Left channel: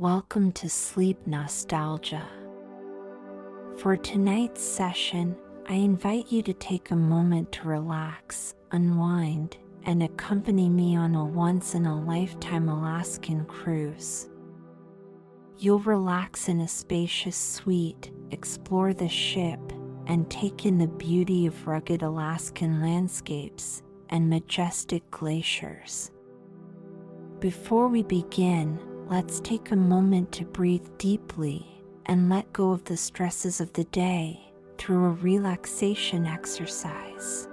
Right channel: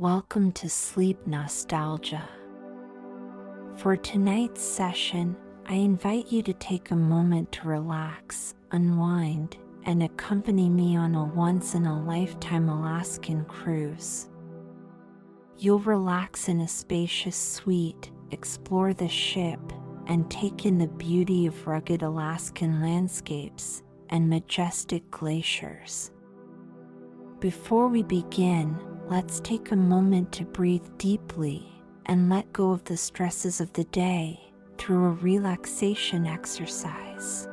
Welcome to Sleep Nostalgia. For tonight's session, I invite you to take a moment to relax, unwind, and accompany me on a once-in-a-lifetime Alaskan cruise. You'll relax in a spacious suite, explore the ship, and take in the beauty of rugged Alaskan landscapes and majestic glaciers. Before we begin, let's take a moment to breathe deeply and let go of the stresses of the day through a relaxation exercise.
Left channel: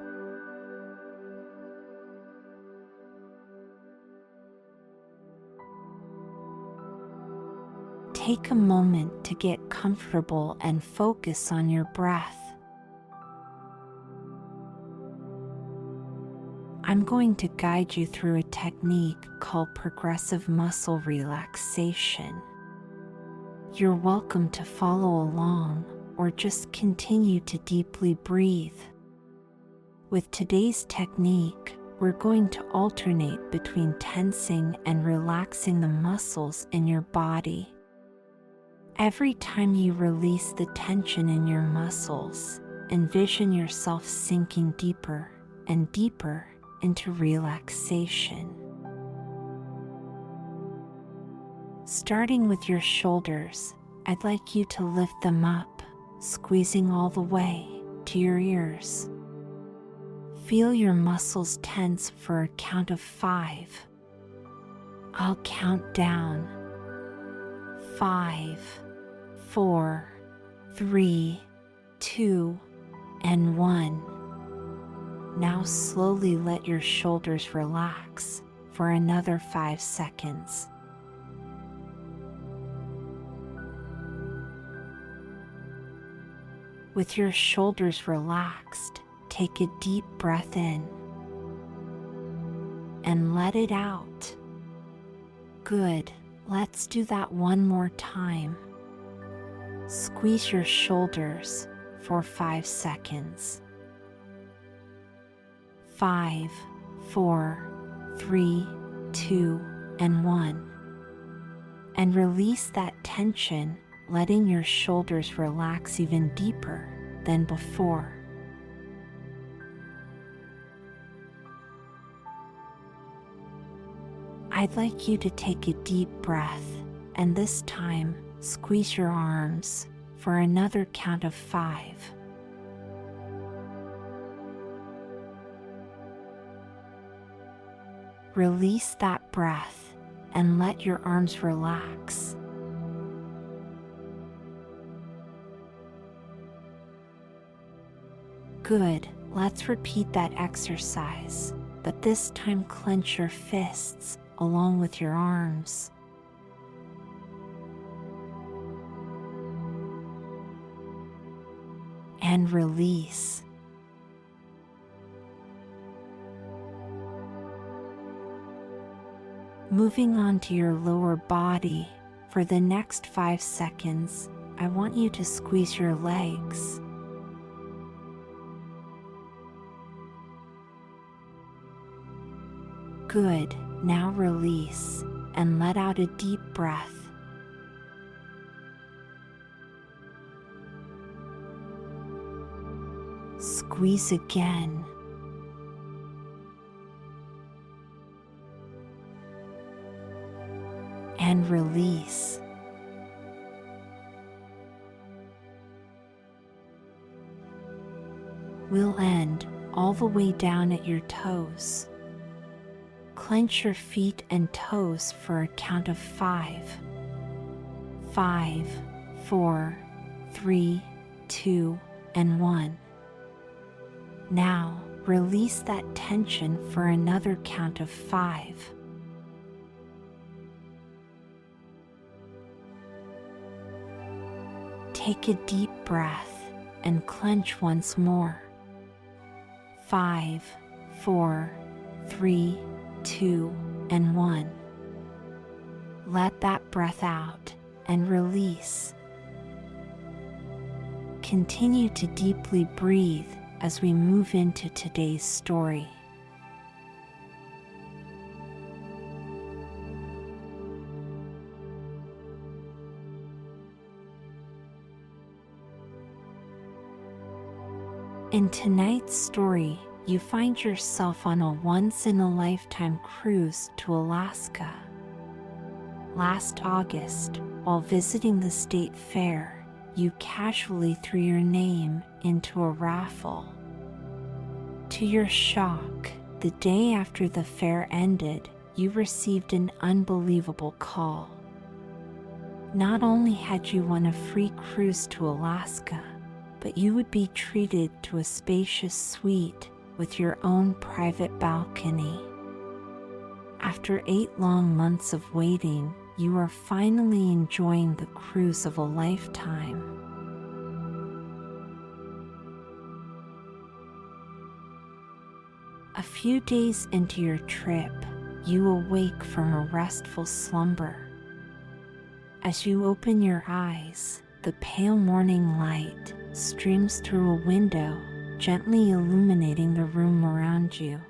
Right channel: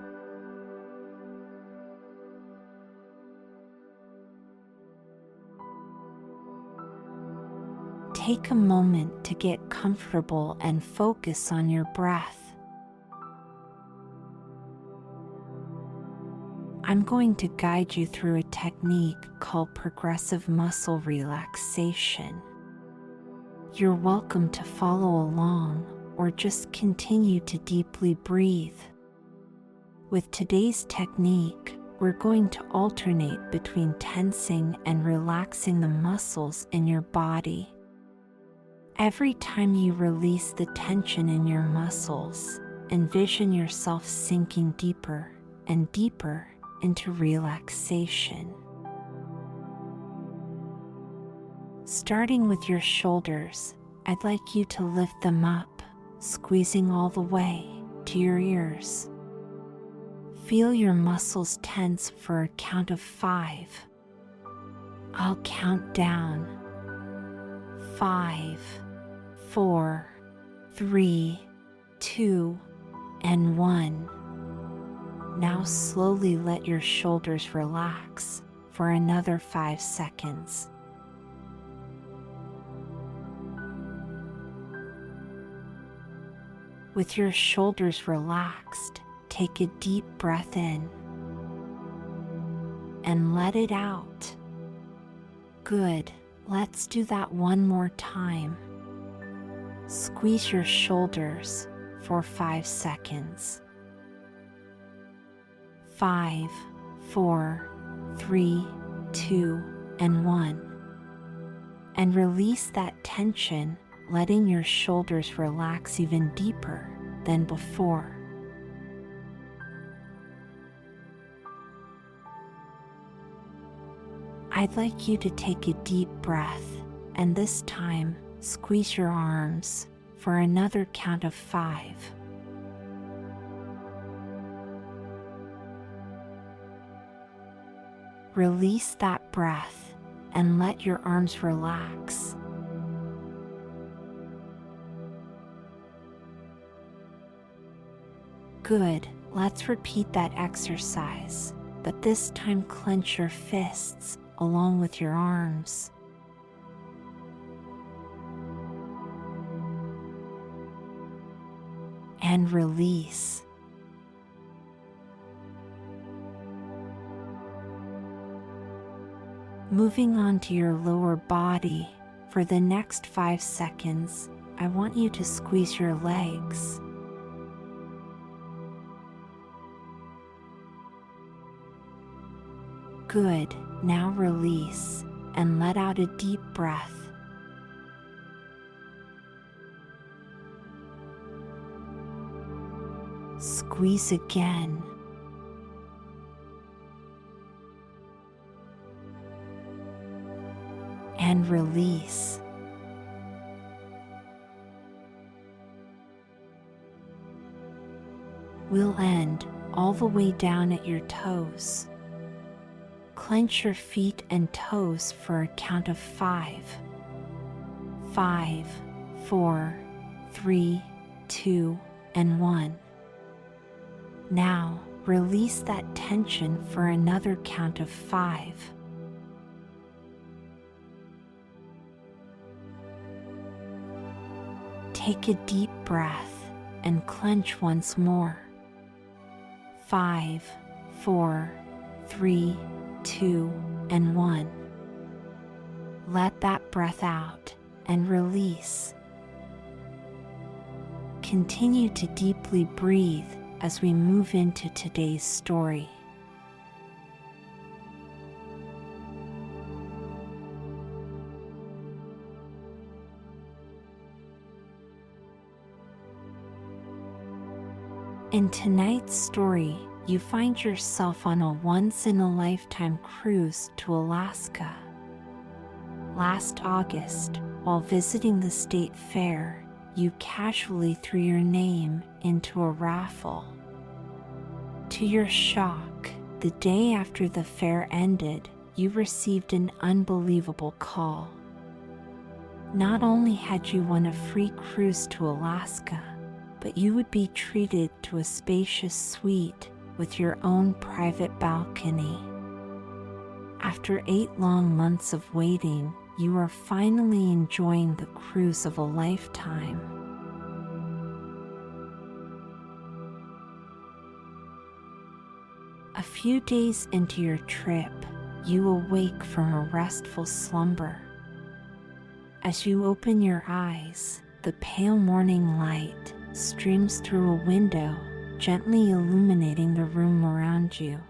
Take a moment to get comfortable and focus on your breath. I'm going to guide you through a technique called progressive muscle relaxation. You're welcome to follow along or just continue to deeply breathe. With today's technique, we're going to alternate between tensing and relaxing the muscles in your body. Every time you release the tension in your muscles, envision yourself sinking deeper and deeper into relaxation. Starting with your shoulders, I'd like you to lift them up, squeezing all the way to your ears. Feel your muscles tense for a count of 5. I'll count down. 5, 4, 3, 2, and 1. Now slowly let your shoulders relax for another 5 seconds. With your shoulders relaxed, take a deep breath in and let it out. Good. Let's do that one more time. Squeeze your shoulders for 5 seconds. 5, 4, 3, 2, and 1. And release that tension, letting your shoulders relax even deeper than before. I'd like you to take a deep breath, and this time, squeeze your arms for another count of 5. Release that breath and let your arms relax. Good. Let's repeat that exercise, but this time clench your fists along with your arms. And release. Moving on to your lower body, for the next 5 seconds, I want you to squeeze your legs. Good. Now release and let out a deep breath. Squeeze again. And release. We'll end all the way down at your toes. Clench your feet and toes for a count of 5. 5, 4, 3, 2, and 1. Now, release that tension for another count of 5. Take a deep breath and clench once more. 5, 4, 3, 2, and 1. Let that breath out and release. Continue to deeply breathe as we move into today's story. In tonight's story, you find yourself on a once-in-a-lifetime cruise to Alaska. Last August, while visiting the state fair, you casually threw your name into a raffle. To your shock, the day after the fair ended, you received an unbelievable call. Not only had you won a free cruise to Alaska, but you would be treated to a spacious suite with your own private balcony. After 8 long months of waiting, you are finally enjoying the cruise of a lifetime. A few days into your trip, you awake from a restful slumber. As you open your eyes, the pale morning light streams through a window, gently illuminating the room around you.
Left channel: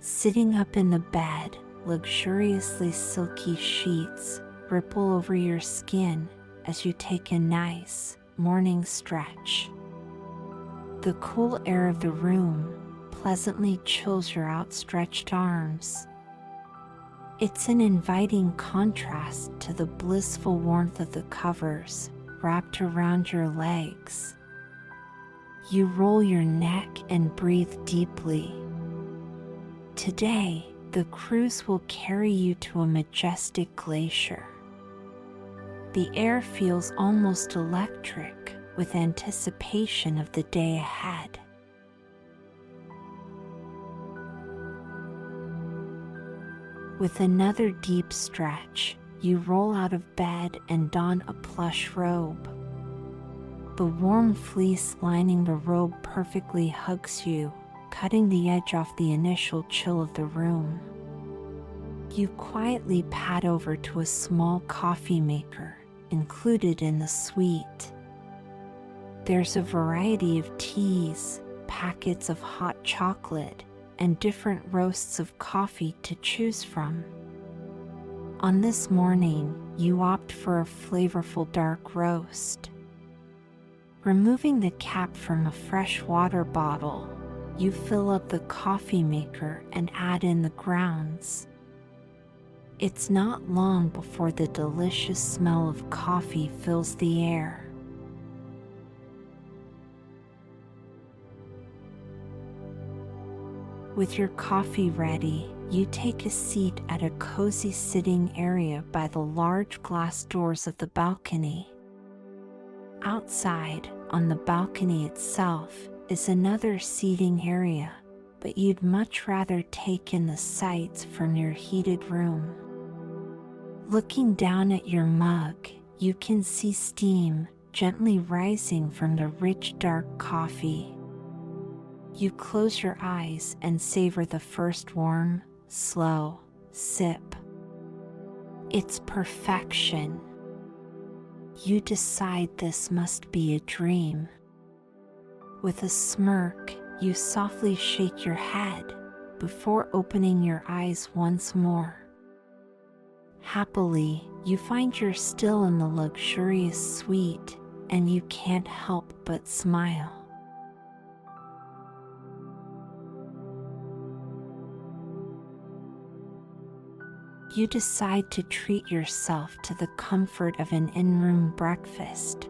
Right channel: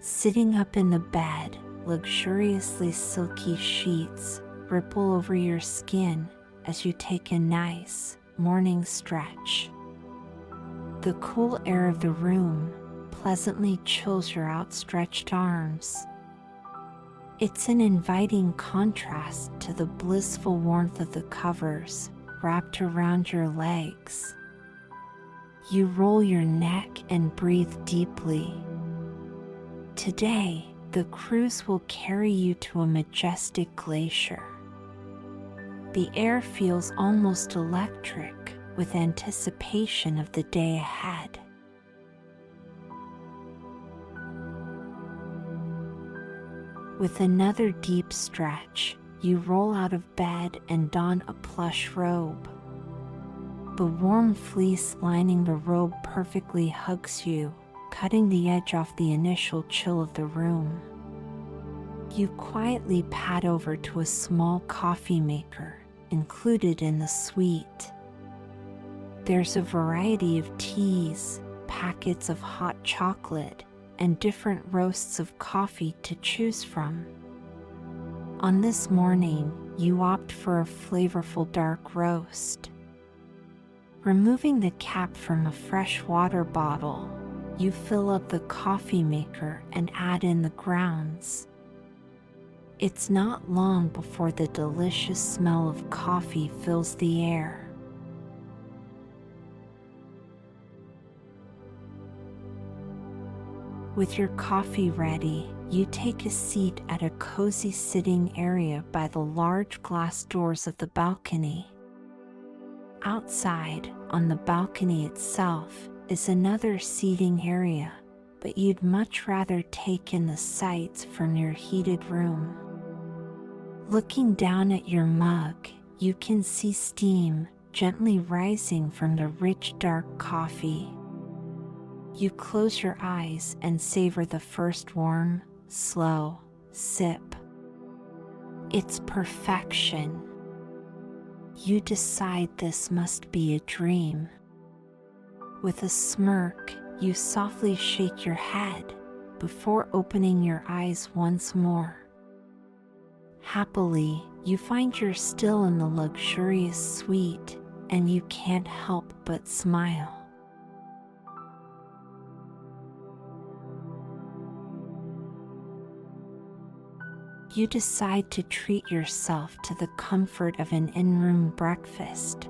Sitting up in the bed, luxuriously silky sheets ripple over your skin as you take a nice morning stretch. The cool air of the room pleasantly chills your outstretched arms. It's an inviting contrast to the blissful warmth of the covers wrapped around your legs. You roll your neck and breathe deeply. Today, the cruise will carry you to a majestic glacier. The air feels almost electric with anticipation of the day ahead. With another deep stretch, you roll out of bed and don a plush robe. The warm fleece lining the robe perfectly hugs you, cutting the edge off the initial chill of the room. You quietly pad over to a small coffee maker included in the suite. There's a variety of teas, packets of hot chocolate, and different roasts of coffee to choose from. On this morning, you opt for a flavorful dark roast. Removing the cap from a fresh water bottle, you fill up the coffee maker and add in the grounds. It's not long before the delicious smell of coffee fills the air. With your coffee ready, you take a seat at a cozy sitting area by the large glass doors of the balcony. Outside, on the balcony itself, is another seating area, but you'd much rather take in the sights from your heated room. Looking down at your mug, you can see steam gently rising from the rich dark coffee. You close your eyes and savor the first warm, slow sip. It's perfection. You decide this must be a dream. With a smirk, you softly shake your head before opening your eyes once more. Happily, you find you're still in the luxurious suite, and you can't help but smile. You decide to treat yourself to the comfort of an in-room breakfast.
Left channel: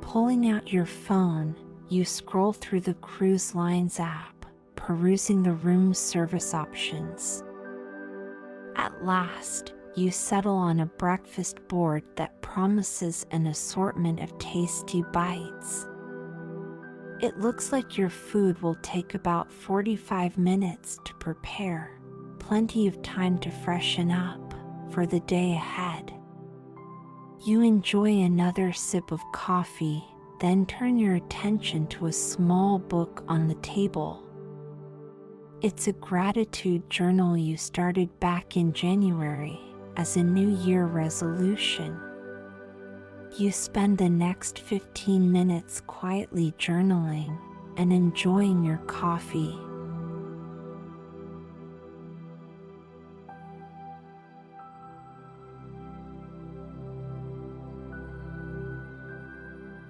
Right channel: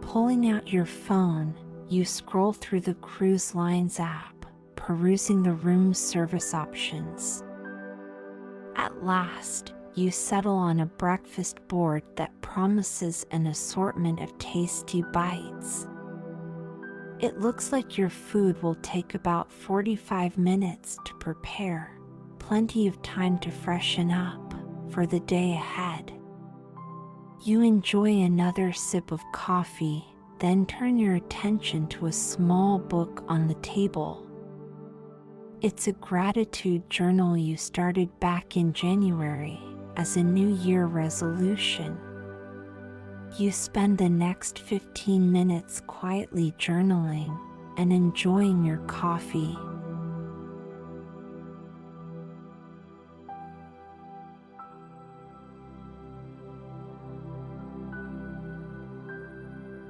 Pulling out your phone, you scroll through the Cruise Lines app, perusing the room's service options. At last, you settle on a breakfast board that promises an assortment of tasty bites. It looks like your food will take about 45 minutes to prepare, plenty of time to freshen up for the day ahead. You enjoy another sip of coffee, then turn your attention to a small book on the table. It's a gratitude journal you started back in January as a New Year resolution. You spend the next 15 minutes quietly journaling and enjoying your coffee.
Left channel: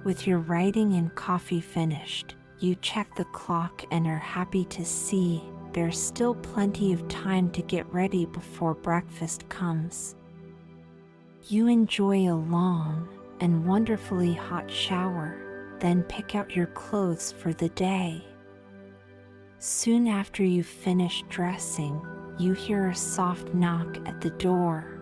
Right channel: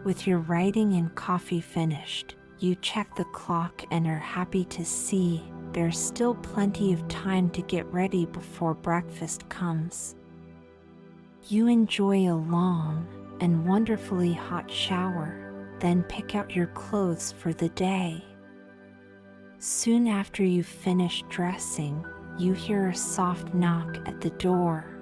With your writing and coffee finished, you check the clock and are happy to see there's still plenty of time to get ready before breakfast comes. You enjoy a long and wonderfully hot shower, then pick out your clothes for the day. Soon after you've finished dressing, you hear a soft knock at the door.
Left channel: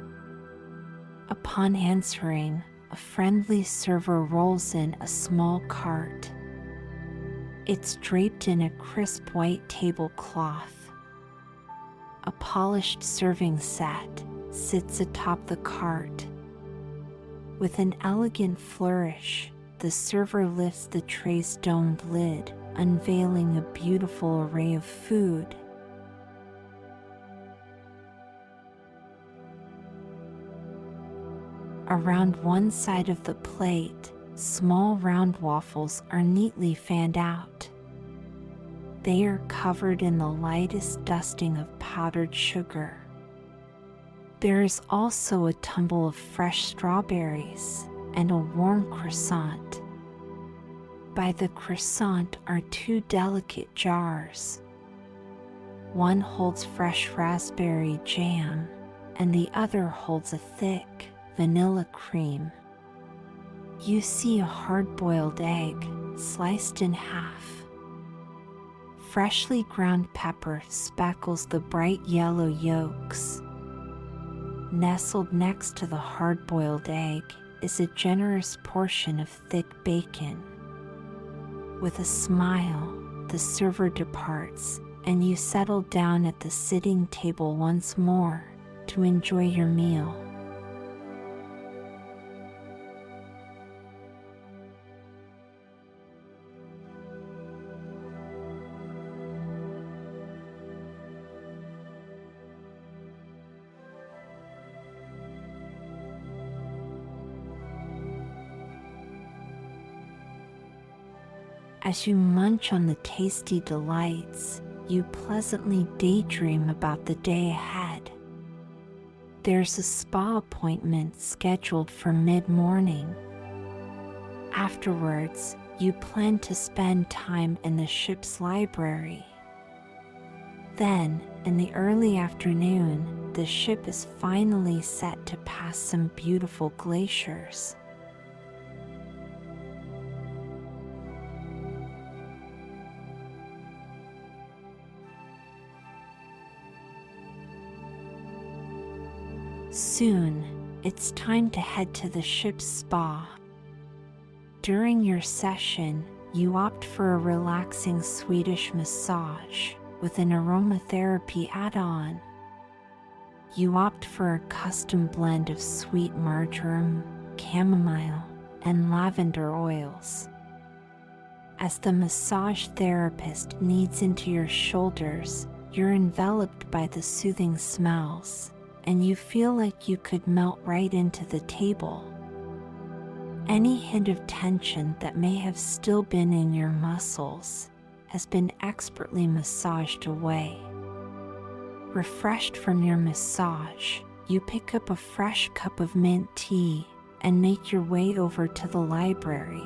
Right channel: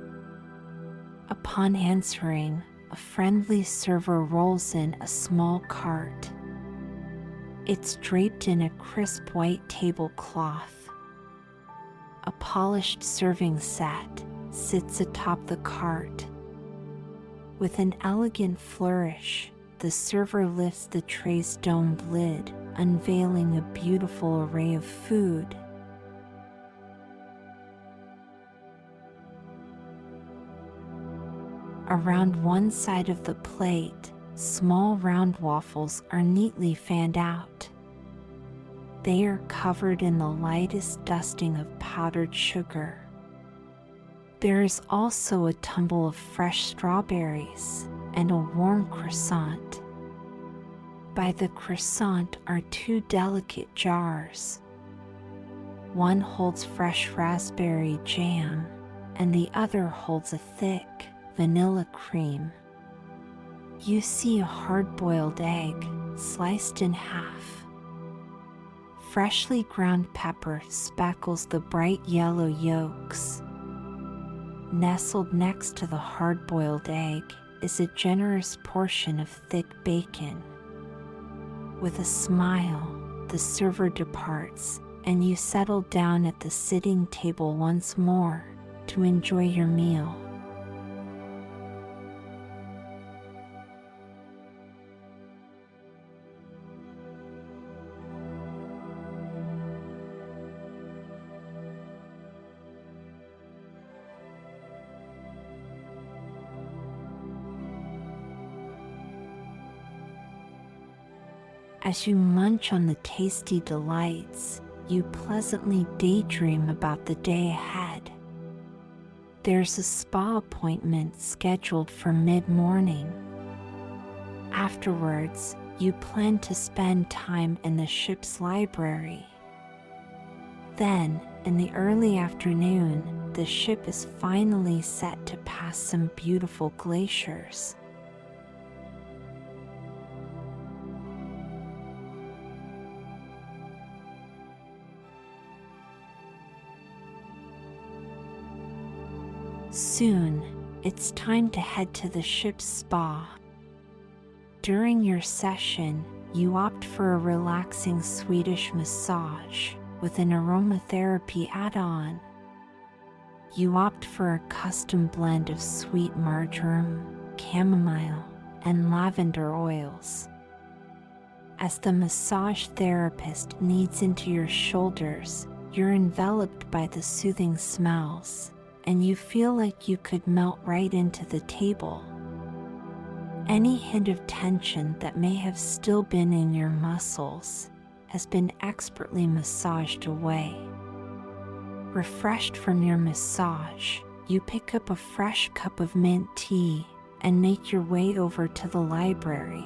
Upon answering, a friendly server rolls in a small cart. It's draped in a crisp white tablecloth. A polished serving set sits atop the cart. With an elegant flourish, the server lifts the tray's domed lid, unveiling a beautiful array of food. Around one side of the plate, small round waffles are neatly fanned out. They are covered in the lightest dusting of powdered sugar. There is also a tumble of fresh strawberries and a warm croissant. By the croissant are two delicate jars. One holds fresh raspberry jam, and the other holds a thick vanilla cream. You see a hard-boiled egg sliced in half. Freshly ground pepper speckles the bright yellow yolks. Nestled next to the hard-boiled egg is a generous portion of thick bacon. With a smile, the server departs, and you settle down at the sitting table once more to enjoy your meal. As you munch on the tasty delights, you pleasantly daydream about the day ahead. There's a spa appointment scheduled for mid-morning. Afterwards, you plan to spend time in the ship's library. Then, in the early afternoon, the ship is finally set to pass some beautiful glaciers. Soon, it's time to head to the ship's spa. During your session, you opt for a relaxing Swedish massage with an aromatherapy add-on. You opt for a custom blend of sweet marjoram, chamomile, and lavender oils. As the massage therapist kneads into your shoulders, you're enveloped by the soothing smells, and you feel like you could melt right into the table. Any hint of tension that may have still been in your muscles has been expertly massaged away. Refreshed from your massage, you pick up a fresh cup of mint tea and make your way over to the library.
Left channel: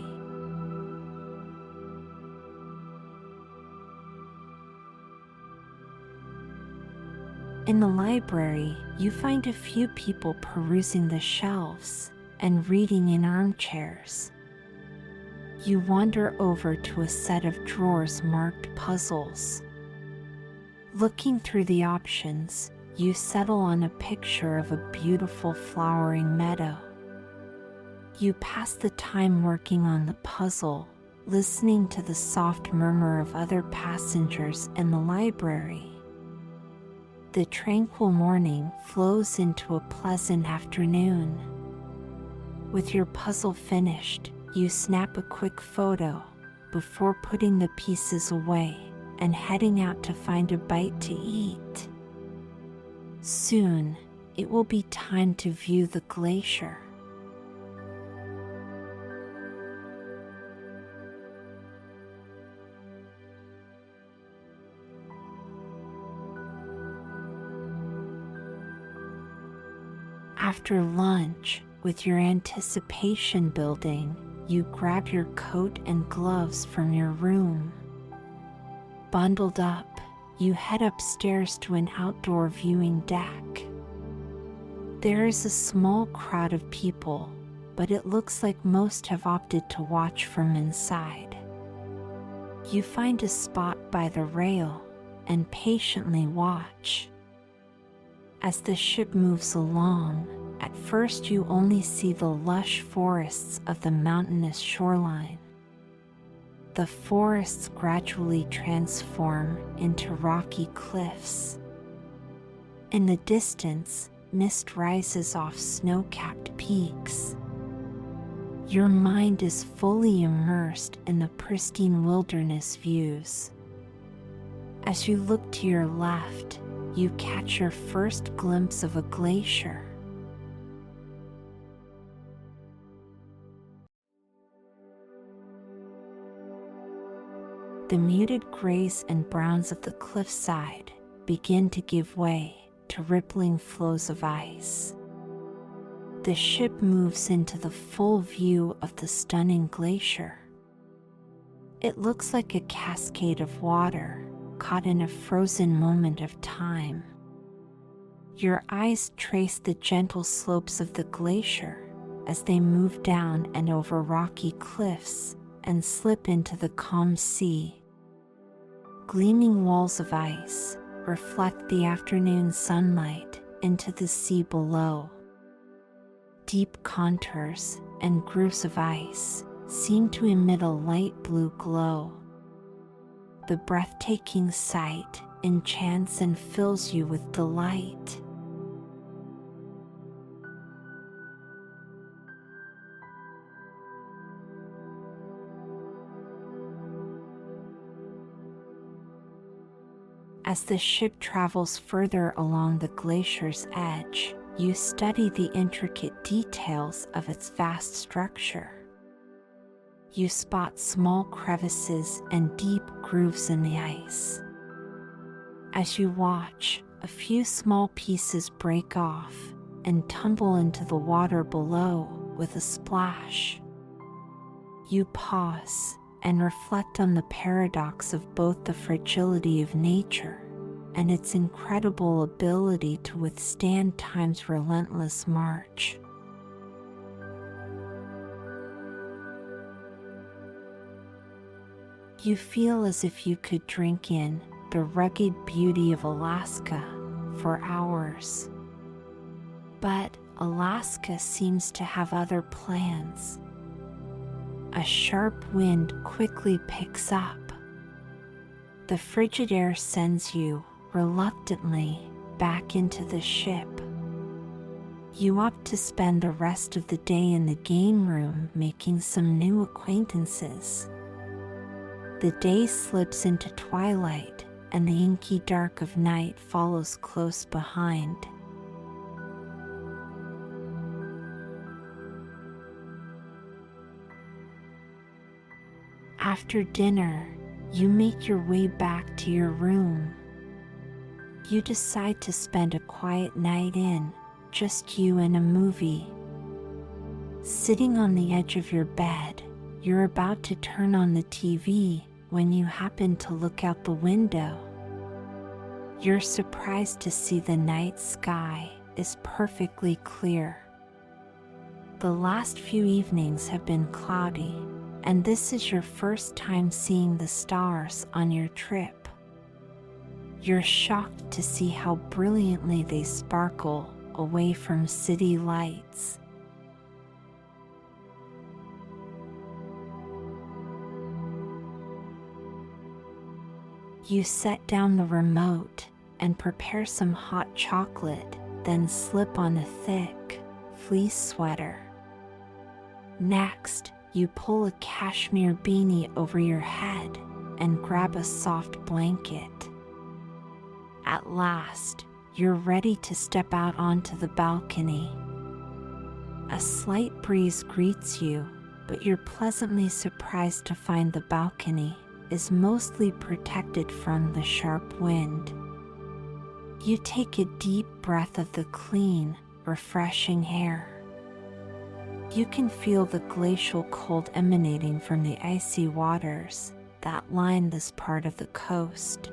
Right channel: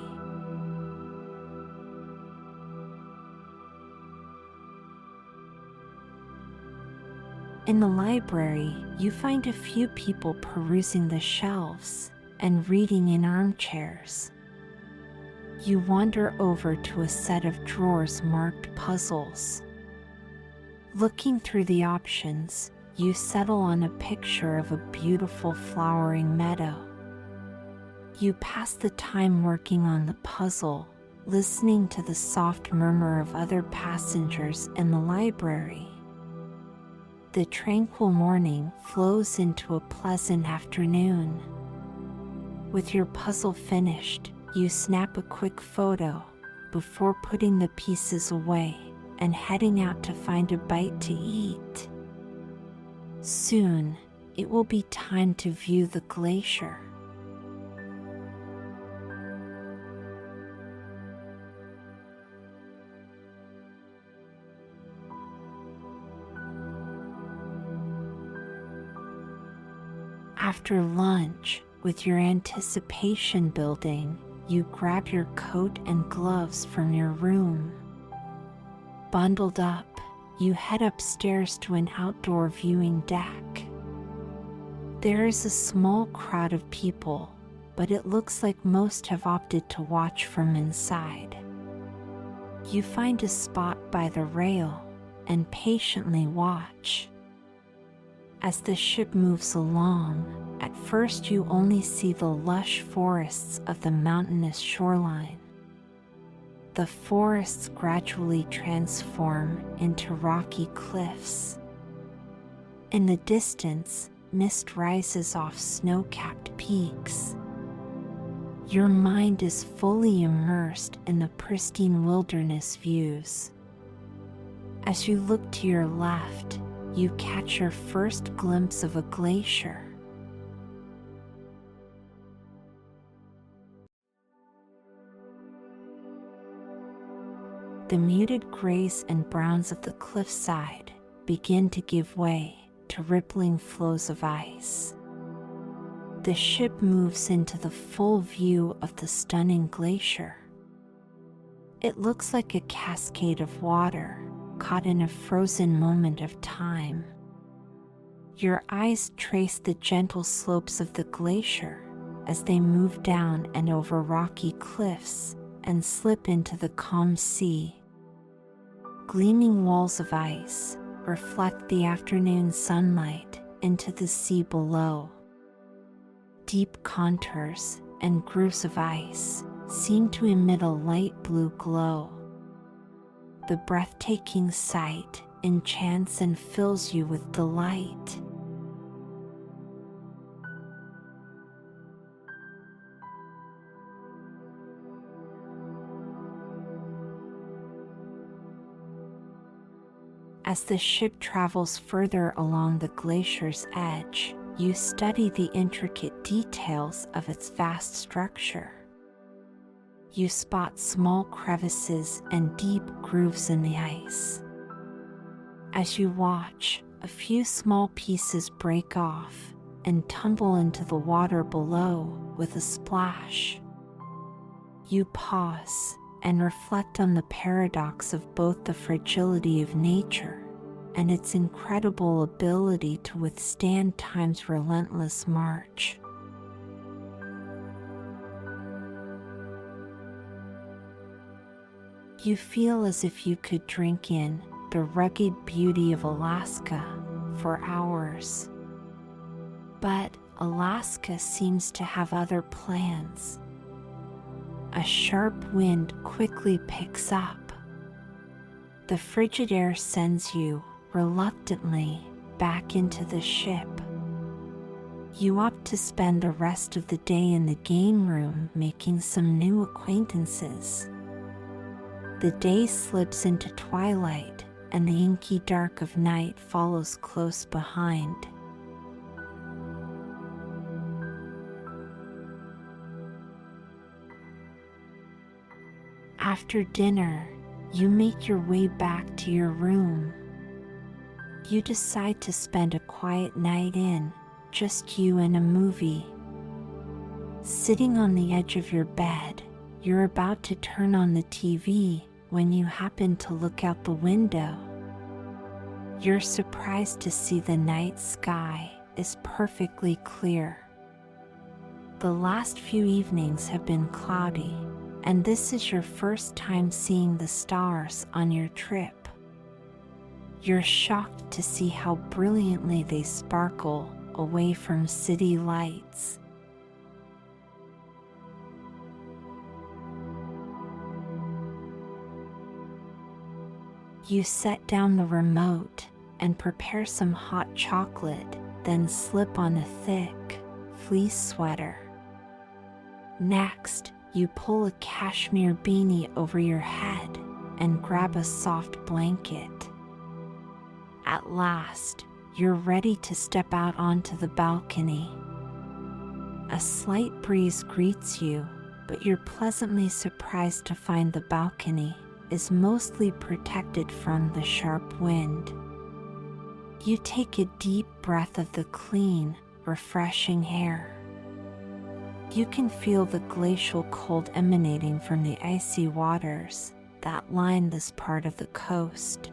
In the library, you find a few people perusing the shelves and reading in armchairs. You wander over to a set of drawers marked puzzles. Looking through the options, you settle on a picture of a beautiful flowering meadow. You pass the time working on the puzzle, listening to the soft murmur of other passengers in the library. The tranquil morning flows into a pleasant afternoon. With your puzzle finished, you snap a quick photo before putting the pieces away and heading out to find a bite to eat. Soon, it will be time to view the glacier. After lunch, with your anticipation building, you grab your coat and gloves from your room. Bundled up, you head upstairs to an outdoor viewing deck. There is a small crowd of people, but it looks like most have opted to watch from inside. You find a spot by the rail and patiently watch. As the ship moves along, at first you only see the lush forests of the mountainous shoreline. The forests gradually transform into rocky cliffs. In the distance, mist rises off snow-capped peaks. Your mind is fully immersed in the pristine wilderness views. As you look to your left, you catch your first glimpse of a glacier. The muted grays and browns of the cliffside begin to give way to rippling flows of ice. The ship moves into the full view of the stunning glacier. It looks like a cascade of water caught in a frozen moment of time. Your eyes trace the gentle slopes of the glacier as they move down and over rocky cliffs and slip into the calm sea. Gleaming walls of ice reflect the afternoon sunlight into the sea below. Deep contours and grooves of ice seem to emit a light blue glow. The breathtaking sight enchants and fills you with delight. As the ship travels further along the glacier's edge, you study the intricate details of its vast structure. You spot small crevices and deep grooves in the ice. As you watch, a few small pieces break off and tumble into the water below with a splash. You pause and reflect on the paradox of both the fragility of nature and its incredible ability to withstand time's relentless march. You feel as if you could drink in the rugged beauty of Alaska for hours. But Alaska seems to have other plans. A sharp wind quickly picks up. The frigid air sends you, reluctantly, back into the ship. You opt to spend the rest of the day in the game room making some new acquaintances. The day slips into twilight, and the inky dark of night follows close behind. After dinner, you make your way back to your room. You decide to spend a quiet night in, just you and a movie. Sitting on the edge of your bed, you're about to turn on the TV when you happen to look out the window. You're surprised to see the night sky is perfectly clear. The last few evenings have been cloudy, and this is your first time seeing the stars on your trip. You're shocked to see how brilliantly they sparkle away from city lights. You set down the remote and prepare some hot chocolate, then slip on a thick, fleece sweater. Next, you pull a cashmere beanie over your head and grab a soft blanket. At last, you're ready to step out onto the balcony. A slight breeze greets you, but you're pleasantly surprised to find the balcony is mostly protected from the sharp wind. You take a deep breath of the clean, refreshing air. You can feel the glacial cold emanating from the icy waters that line this part of the coast.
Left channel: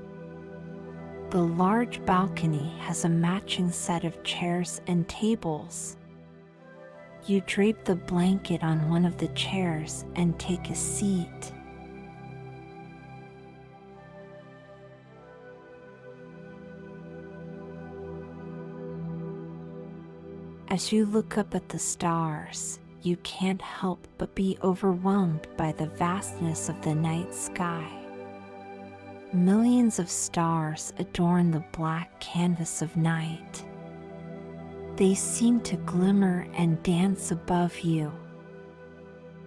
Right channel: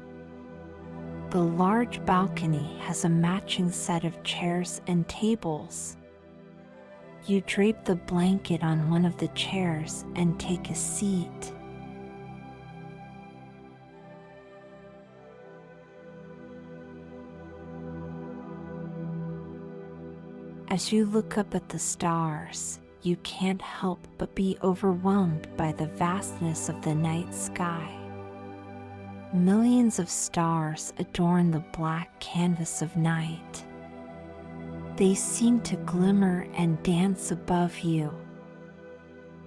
The large balcony has a matching set of chairs and tables. You drape the blanket on one of the chairs and take a seat. As you look up at the stars, you can't help but be overwhelmed by the vastness of the night sky. Millions of stars adorn the black canvas of night. They seem to glimmer and dance above you.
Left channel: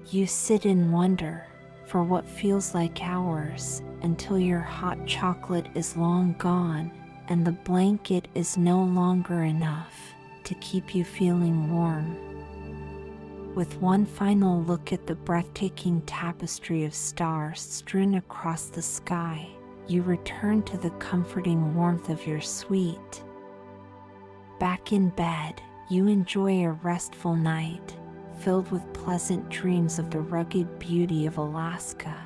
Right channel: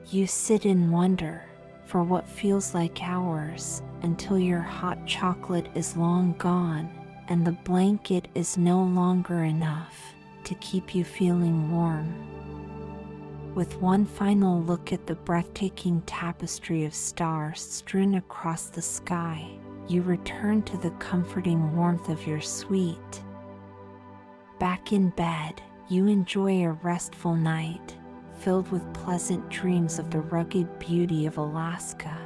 You sit in wonder for what feels like hours until your hot chocolate is long gone and the blanket is no longer enough to keep you feeling warm. With one final look at the breathtaking tapestry of stars strewn across the sky, you return to the comforting warmth of your suite. Back in bed, you enjoy a restful night, filled with pleasant dreams of the rugged beauty of Alaska.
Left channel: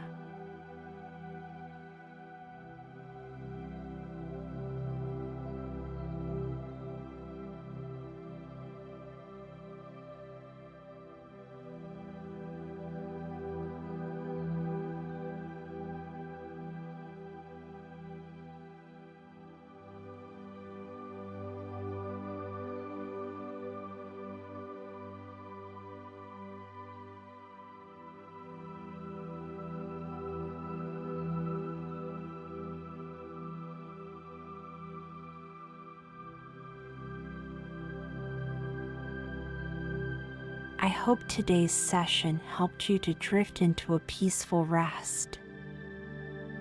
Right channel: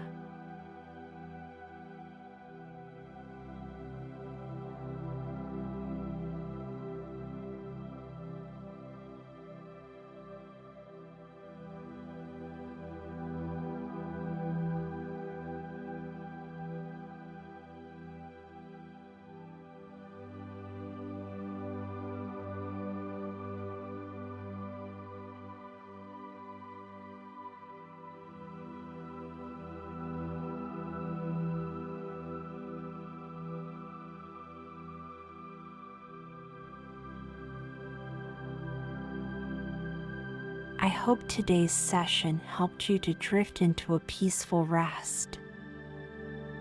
I hope today's session helped you to drift into a peaceful rest.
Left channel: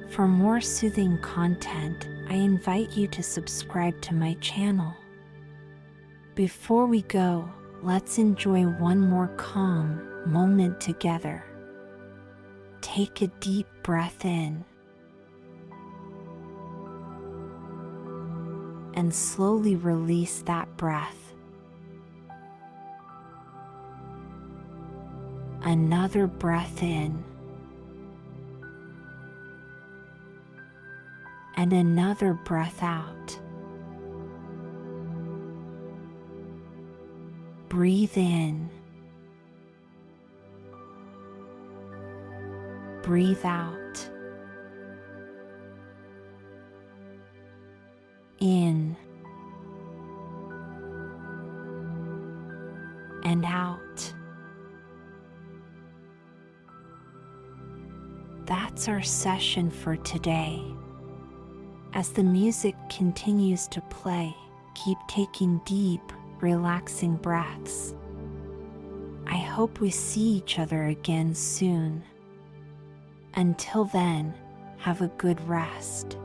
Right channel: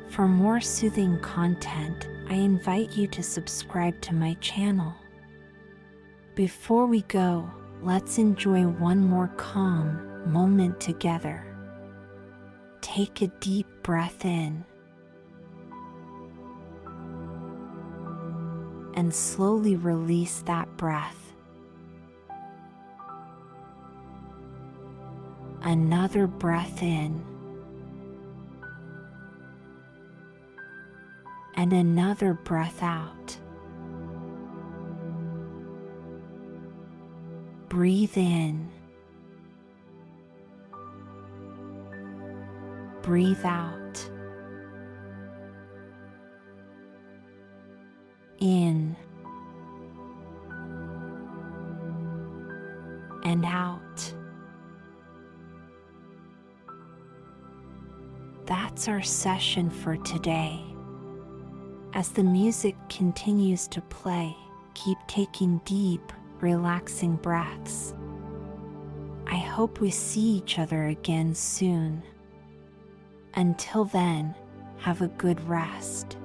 For more soothing content, I invite you to subscribe to my channel. Before we go, let's enjoy one more calm moment together. Take a deep breath in and slowly release that breath. Another breath in and another breath out. Breathe in. Breathe out. In and out. That's our session for today. As the music continues to play, keep taking deep, relaxing breaths. I hope we see each other again soon. Until then, have a good rest.